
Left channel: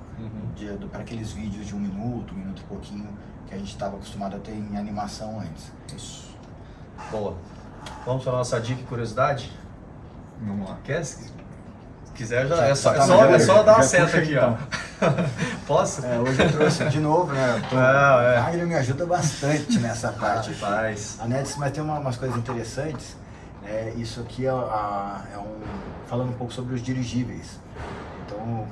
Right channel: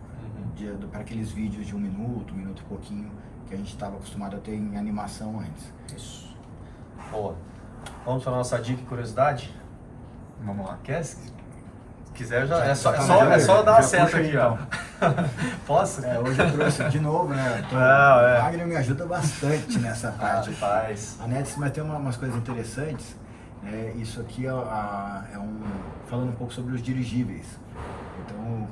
para aqueles vídeos de um minuto e pouquinho, que a gente estava acostumado a ter em animação antes. Isso. Boa. Vamos para a nossa dica e curiosidade? Vamos lá. Quer? Se quiser, é só dar uma seta aqui, ó. Posso? Hoje eu trouxe de novo, né? A Agnes me ajuda bastante nessa parte. Faz. A Nets, mas tem umas coisas interessantes. Isso aqui falando um pouco sobre os dirigíveis. Então,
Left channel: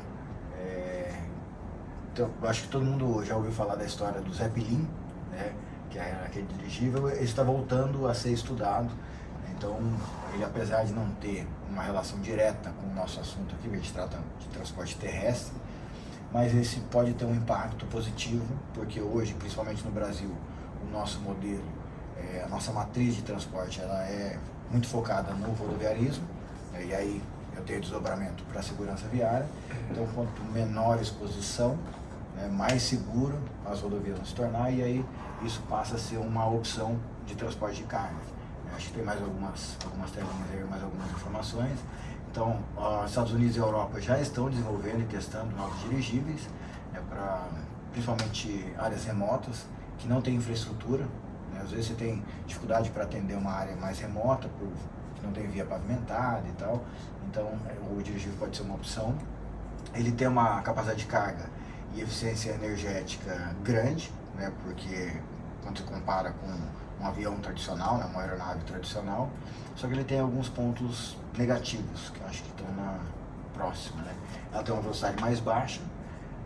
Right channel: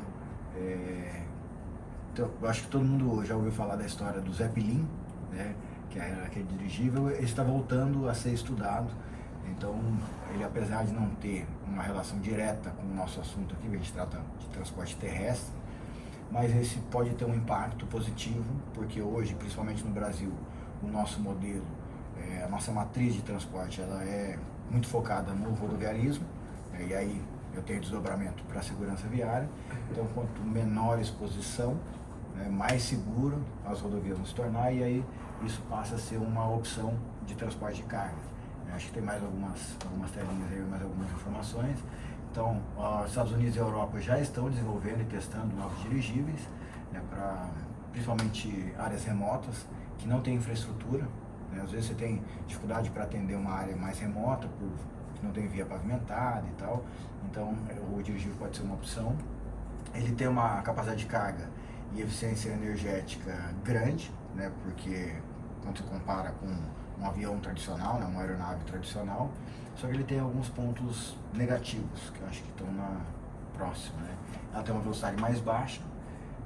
eu acho que todo mundo já ouviu falar da história do Zeppelin, né? Que era aquele dirigível. Ele está voltando a ser estudado. Então, ele, apesar de não ter uma relação direta com o nosso assunto aqui, a gente trata de transporte terrestre, mas esse pode ter um impacto positivo, porque hoje, principalmente no Brasil, o nosso modelo, a nossa matriz de transporte, ela é muito focada no rodoviarismo, e aí eu tenho desdobramento para a segurança viária. Então, quanto menor exposição, né, mais seguro as rodovias vão se tornar, e aí isso passa a ser uma opção de transporte de carga. Acho que tem mais algumas telinhas aí, mais algumas informações. Então, os Estados Unidos e a Europa já estão desenvolvendo e testando novos dirigíveis, para principalmente áreas remotas, que não tem infraestrutura. Às vezes você tem dificuldade para atender uma área mais remota, que não tem via pavimentada e tal. Então, o dirigível pode ser uma opção. Ele tem uma capacidade de carga e eficiência energética grande, né, porque quando você compara com um avião tradicional, né, uma aeronave tradicional, só que ele tem alguns pontos negativos, que eu acho que estão próxima, né? Ela tem uma velocidade mais baixa,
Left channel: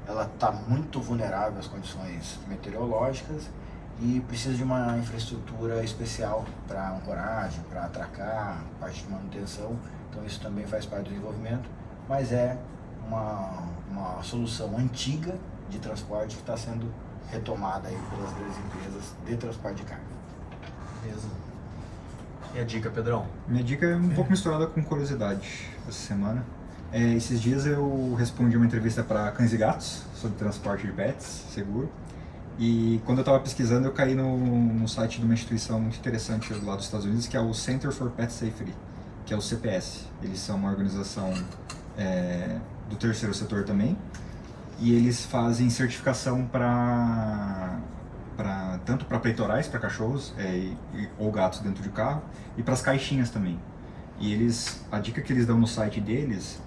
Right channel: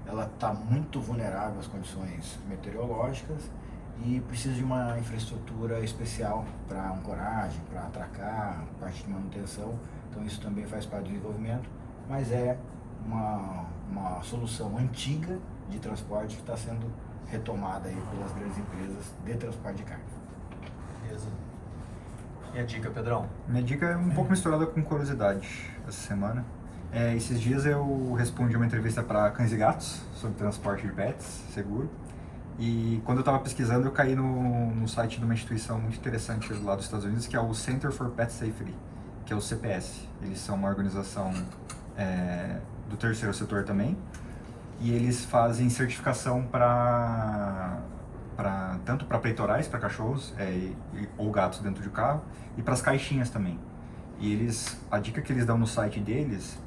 ela está muito vulnerável às condições meteorológicas e precisa de uma infraestrutura especial para ancoragem, para atracar, parte de manutenção. Então isso também faz parte do desenvolvimento, mas é uma solução antiga de transporte que está sendo retomada aí pelas grandes empresas de transporte de carga. Beleza. E a dica, Pedrão? Minha dica é um pouco misturada com curiosidade essa semana. Esses dias eu respondi uma entrevista para Cães e Gatos sobre transporte de pets seguro. E quando eu estava pesquisando, eu caí no site de uma instituição muito interessante lá dos Estados Unidos, que é o Center for Pet Safety, que é o CPS. Eles são uma organização do terceiro setor também, e eles fazem certificação tanto para peitorais para cachorros ou gatos dentro de carro, e para as caixinhas também. E a dica que eles dão no site deles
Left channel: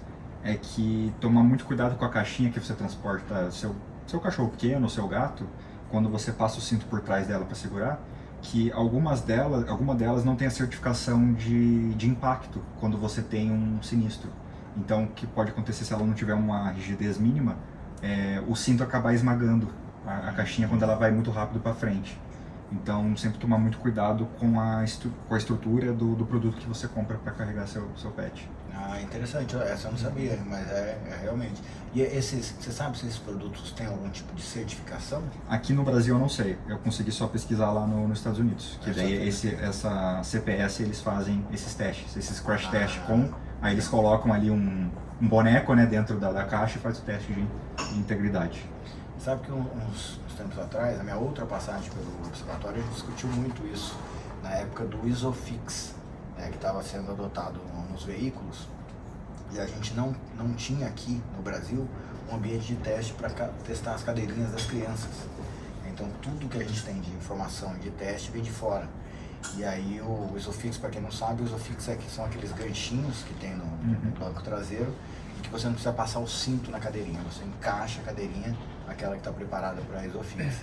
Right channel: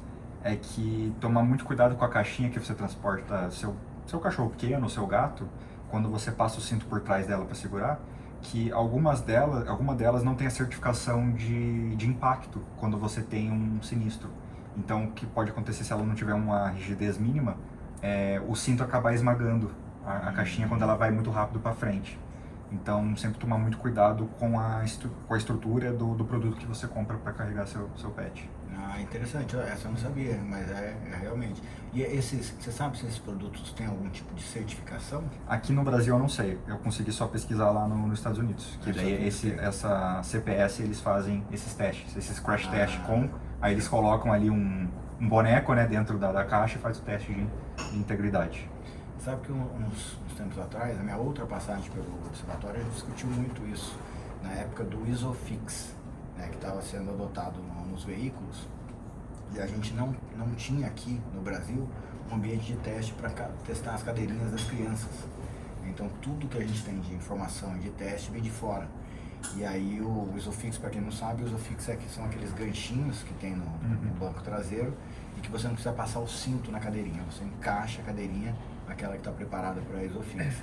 é que tomar muito cuidado com a caixinha que você transporta seu cachorro pequeno, seu gato, quando você passa o cinto por trás dela para segurar, que alguma delas não tem a certificação de impacto quando você tem um sinistro. Então, o que pode acontecer se ela não tiver uma rigidez mínima, o cinto acabar esmagando a caixinha quando ela vai muito rápido para frente. Então, sempre tomar muito cuidado com a estrutura do produto que você compra para carregar seu pet. Interessante, essa eu não sabia, mas realmente. E você sabe se esses produtos têm algum tipo de certificação? Aqui no Brasil eu não sei, eu consegui só pesquisar lá nos Estados Unidos, que daí essa CPS eles fazem esses testes, esses crash tests aí eles colocam ali um boneco, né, dentro da caixa e faz o teste de integridade. Sabe que uns tempos atrás, na minha outra passagem pelo observatório, a gente discutiu muito isso, na época do Isofix, que estava sendo adotado nos veículos, e a gente não tinha aqui no Brasil um ambiente de teste para testar as cadeirinhas das crianças. Então tudo que a gente tem de informação de teste vem de fora. E aí o Isofix, para quem não sabe, o Isofix são aqueles ganchinhos que tem no banco traseiro, e que você não precisa passar o cinto na cadeirinha, você encaixa a cadeirinha, aquela que está preparada para Isofix.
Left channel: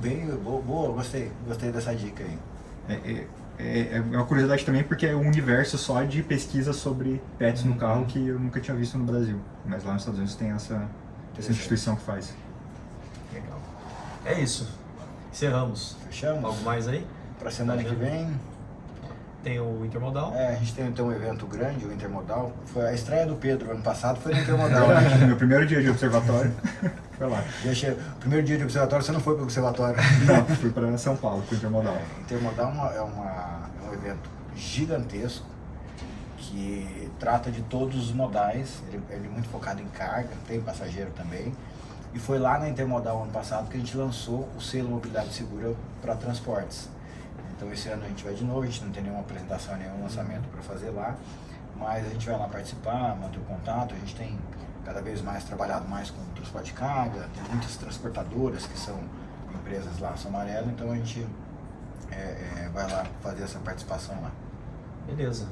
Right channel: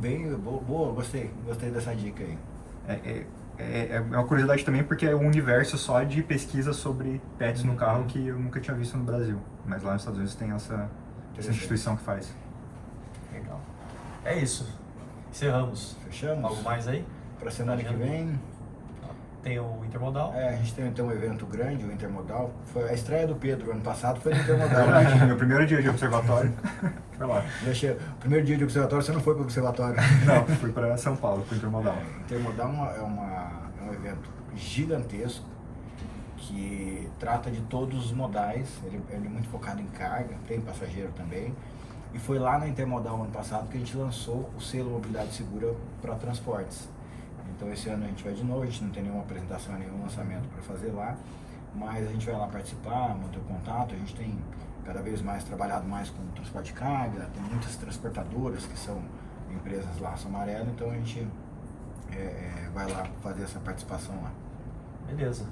Bem boa, gostei dessa dica aí. É uma curiosidade também, porque é um universo só de pesquisa sobre pets no carro que eu nunca tinha visto no Brasil. Mas lá nos Estados Unidos tem essa instituição que faz. Legal. É isso. Encerramos. Fechamos? Algo mais aí? Para semana que vem? Tem o Intermodal. A gente tem um evento grande, o Intermodal. Foi a estreia do Pedro ano passado, foi no Intermodal. Meu primeiro dia de observatório foi lá. O primeiro dia de observatório você não foi para o observatório? Não, fui para São Paulo, para o Intermodal. Intermodal é um evento gigantesco que trata de todos os modais. Ele é muito focado em carga, tem passageiro também. E foi lá na Intermodal ano passado que a gente lançou o selo Mobilidade Segura para transportes. Então esse ano a gente vai de novo, a gente não tem nenhuma apresentação, nenhum lançamento para fazer lá, mas a gente vai lá participar, manter o contato. A gente tem cada vez mais trabalhado mais com transporte de carga, tem muitas transportadoras que são empresas laço amarelo, então a gente vai lá fazer essa participação lá. Beleza.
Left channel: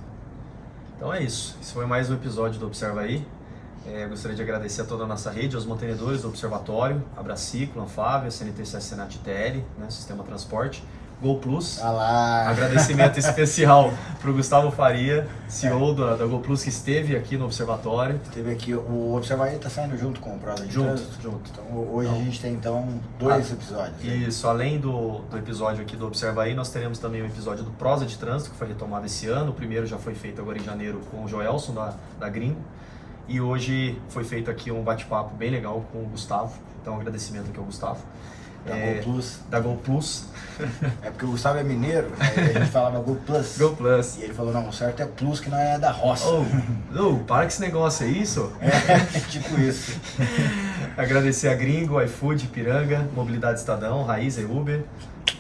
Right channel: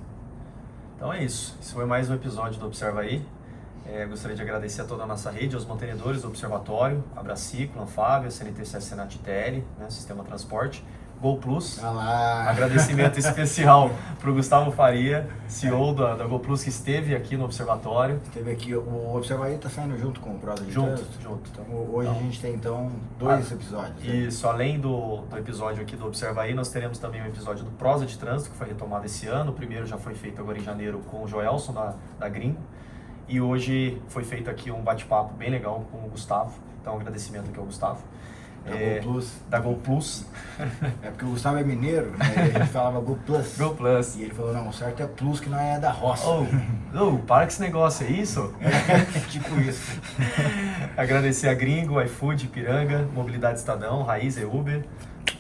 Então é isso. Esse foi mais um episódio do Observa Aí. Gostaria de agradecer a toda a nossa rede, aos mantenedores do Observatório, a Braciclo, a Anfávia, a CNTC, Senat TL, né, Sistema Transporte. Gol Plus. Ah lá. Agradecimento especial para o Gustavo Faria, CEO da Gol Plus, que esteve aqui no Observatório. Teve aqui, o Observatório está saindo junto com o Prosa de Junto. Então hoje a gente tem então 2 episódios. Né? Isso, além do episódio aqui do Observa Aí, nós teremos também o episódio do Prosa de Trânsito, que foi retomado esse ano. O primeiro já foi feito agora em janeiro com o Joelson da Green. E hoje foi feito aqui um bate-papo bem legal com o Gustavo. Então, um agradecimento aqui ao Gustavo. Da Gol Plus. Da Gol Plus. É porque o Gustavo é mineiro, e a gente falava Gol Plus. Gol Plus. E ele falou, não, o certo é Plus, que não é da roça. Para com esse negócio, é isso? É, tipo isso. Agradecer a Gringo, iFood, Piranga, Mobilidade Estadão, Raiz e Uber,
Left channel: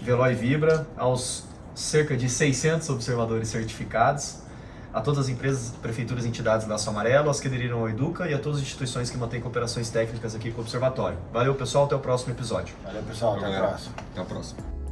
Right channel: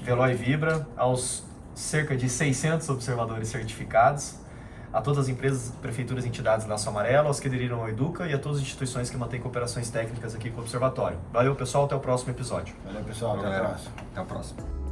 Veloy Vibra, aos cerca de 600 observadores certificados, a todas as empresas, prefeituras e entidades da Laço Amarelo, aos que aderiram ao Educa e a todas as instituições que mantêm cooperações técnicas aqui com o Observatório. Valeu, pessoal, até o próximo episódio. Valeu, pessoal, até a próxima. Até a próxima.